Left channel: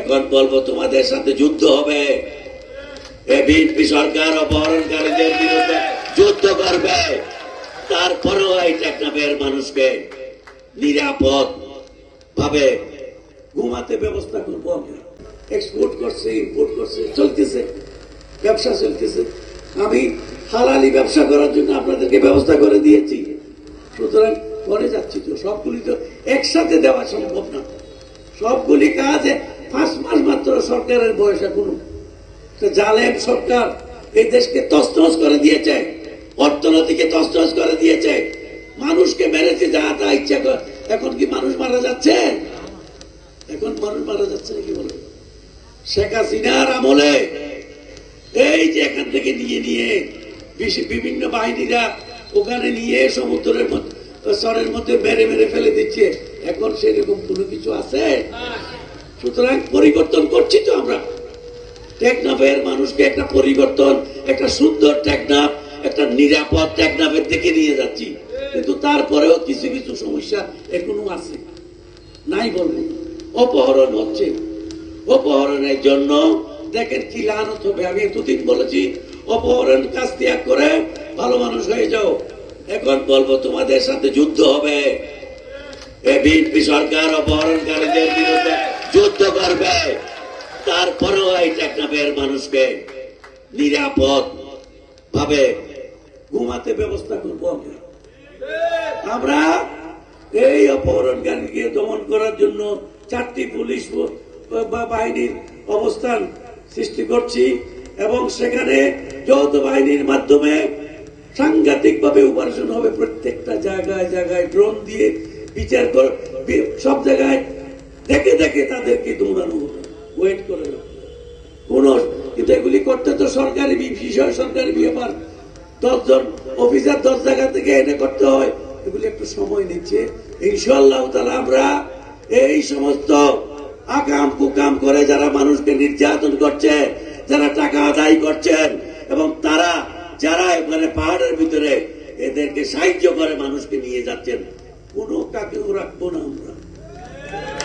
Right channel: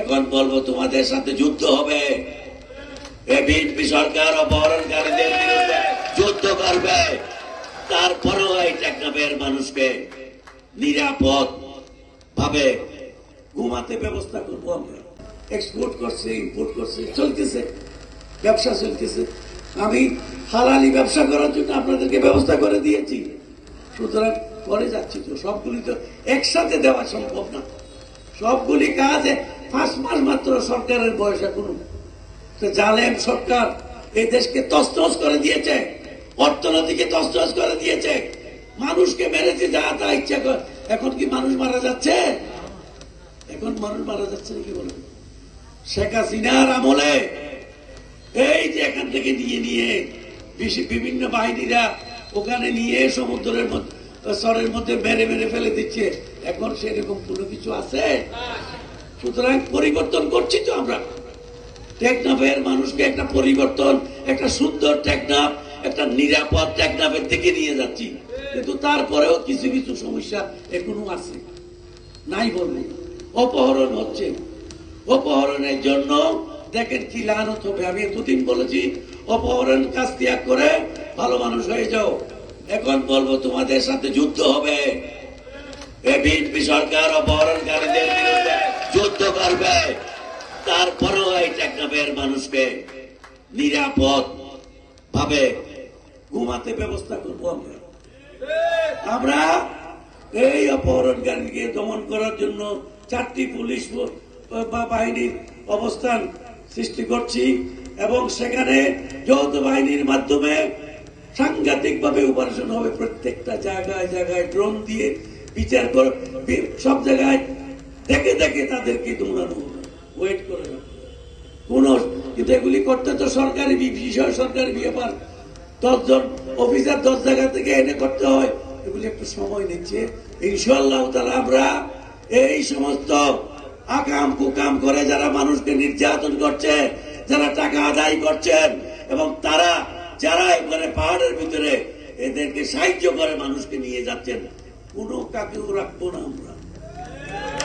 এখন বলবো তোমাদের সাথে যুদ্ধ হবে। বিএনপি সরকার অপহরণকারীদের বিরুদ্ধে যুদ্ধ করবে। তারপরেও এই টেকনাফের মানুষকে নিরাপদ ভাবে ঘুমাতে ব্যবস্থা করবো আমরা। এক্সপোর্ট করছে, ইম্পোর্ট করছে, চলতেছে, ব্যবসা চলতেছে। আমি হালালি ব্যবসা করার জন্য আপনাদেরকে ব্যবস্থা করে দিয়েছি। সুতরাং করে যাচ্ছি তো, সবগুলি তো একসাথে দেওয়া সম্ভব না। সবগুলি কাজ 5 মাস মাত্র সরকারের বয়স। এখনো জালেম সরকার এই দেশকে তছনছ করে দিয়েছে, অর্থনীতিকে তছনছ করে দিয়েছে, মানুষকে মেরেছে যা তা ইচ্ছা করে। এখন কি মানুষ মারা যাচ্ছে? এখন মানুষ মারা যাচ্ছে নাকি বলবো? শেখ হাসিনার আমলে এই যে এখান থেকে নিয়ে বিভিন্ন বাহিনীরা ওখানে নিয়ে সমুদ্রের সরের মধ্যে মেরে মেরে ফেলে দিচ্ছে। এখন সেরকম কোনো কিছু আছে? সুতরাং পরিবর্তন করছি তো আমরা। টেকনাফের মানুষকে একটা পরিবর্তন, একটা সুন্দর টেকনাফ, একটা নিরাপদ টেকনাফের দিকে নিয়ে যাচ্ছি। কিন্তু তারপরেও কিছু কিছু সমস্যা এখনো আছে, নাই বললে। অপহরণ হচ্ছে, অপহরণের জন্য দেখেন কি লানত হবে। আমি এতদিন বলেছি অপহরণ কাজ ত্যাগ করে ভালো মানুষ হয়ে যাও। এখন বলবো তোমাদের সাথে যুদ্ধ হবে। বিএনপি সরকার অপহরণকারীদের বিরুদ্ধে যুদ্ধ করবে। তারপরেও এই টেকনাফের মানুষকে নিরাপদ ভাবে ঘুমাতে ব্যবস্থা করবো আমরা। আমরা এই অপহরণকারীকে দমন করার জন্য 4টি পুলিশ বাহিনীর অবস্থান সৃষ্টি করছি এবং সেখানে যৌথ বাহিনীর মাধ্যমে সাংঘাতিক ভাবে অপারেশন হবে। প্রত্যেকটা জায়গায় জায়গায় ড্রোন দিয়ে বিচার করে সব জায়গায় দেখে দেখে তাদেরকে দৌড়ানো, ওয়েট করে কোন। কিন্তু এগুলি করতে তো সরকারি বিষয়, সরকারি ব্যাপার। 10 জন অফিসার 10 জায়গা থেকে এনে করতে হয়। এগুলি একটু সময় নিচ্ছে। ইনশাআল্লাহ তাআলা আমরা এই সমস্ত আকাম কুকাম করে যারা মানুষকে নির্যাতন করছে, যারা টাকা আদায় করছেন এবং তারা যারা এখানে পাহাড়ের ভিতরে এদেরকে সাহায্য করে মানুষকে নিয়ে যাচ্ছেন, কোনো কাকেও রাখবো না আমরা।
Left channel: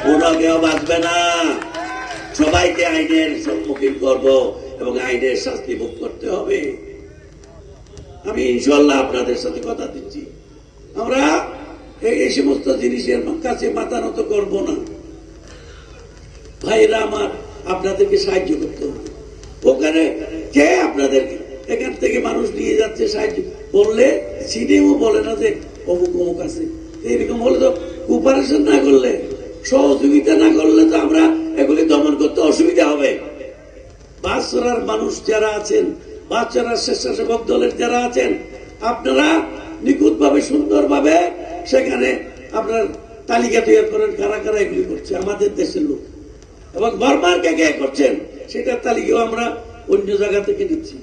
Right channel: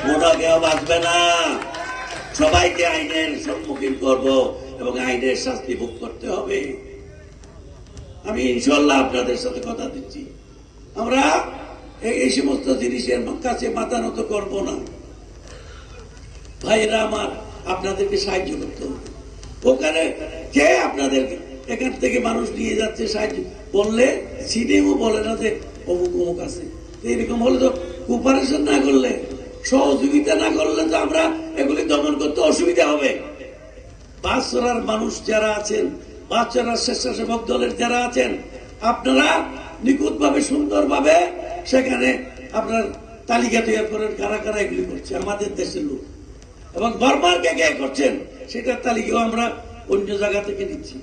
কোনো কেউ বাঁচবে না। সবাইকে আইনের সম্মুখীন করবো এবং আইনের শাস্তি ভোগ করতে হবে। আমি ইনশাআল্লাহ আপনাদের সাথে কথা দিচ্ছি, আমরা এই সমস্ত জিনিসের কাছে মাথা নত করবো না। ভাইরা আমার, আপনাদেরকে সাহায্য করতে হবে। ওখানে কে আপনাদের এখান থেকে মানুষ নিয়ে যাচ্ছে সাহায্য করলে চিনেও বলে না যে অমুক অমুক আছে। এরকম হলে তো কোপারেশন না করলে, সহযোগিতা না করলে তো আমরা এগুলি দমন করতে অসুবিধা হবে। বাচ্চারার মানুষ যারা আছেন, বাচ্চারার স্বেচ্ছাসেবক দলের যারা আছেন, আপনারা নিখুঁত ভাবে সুন্দর ভাবে সেখানে আপনার তালিকা তৈরি করেন কারা কারা এগুলি করছে আমাদের দেশের লোক, এবং বর্মার কে কে করছেন সেটার তালিকাও আমরা অন্য জায়গা থেকে নিচ্ছি।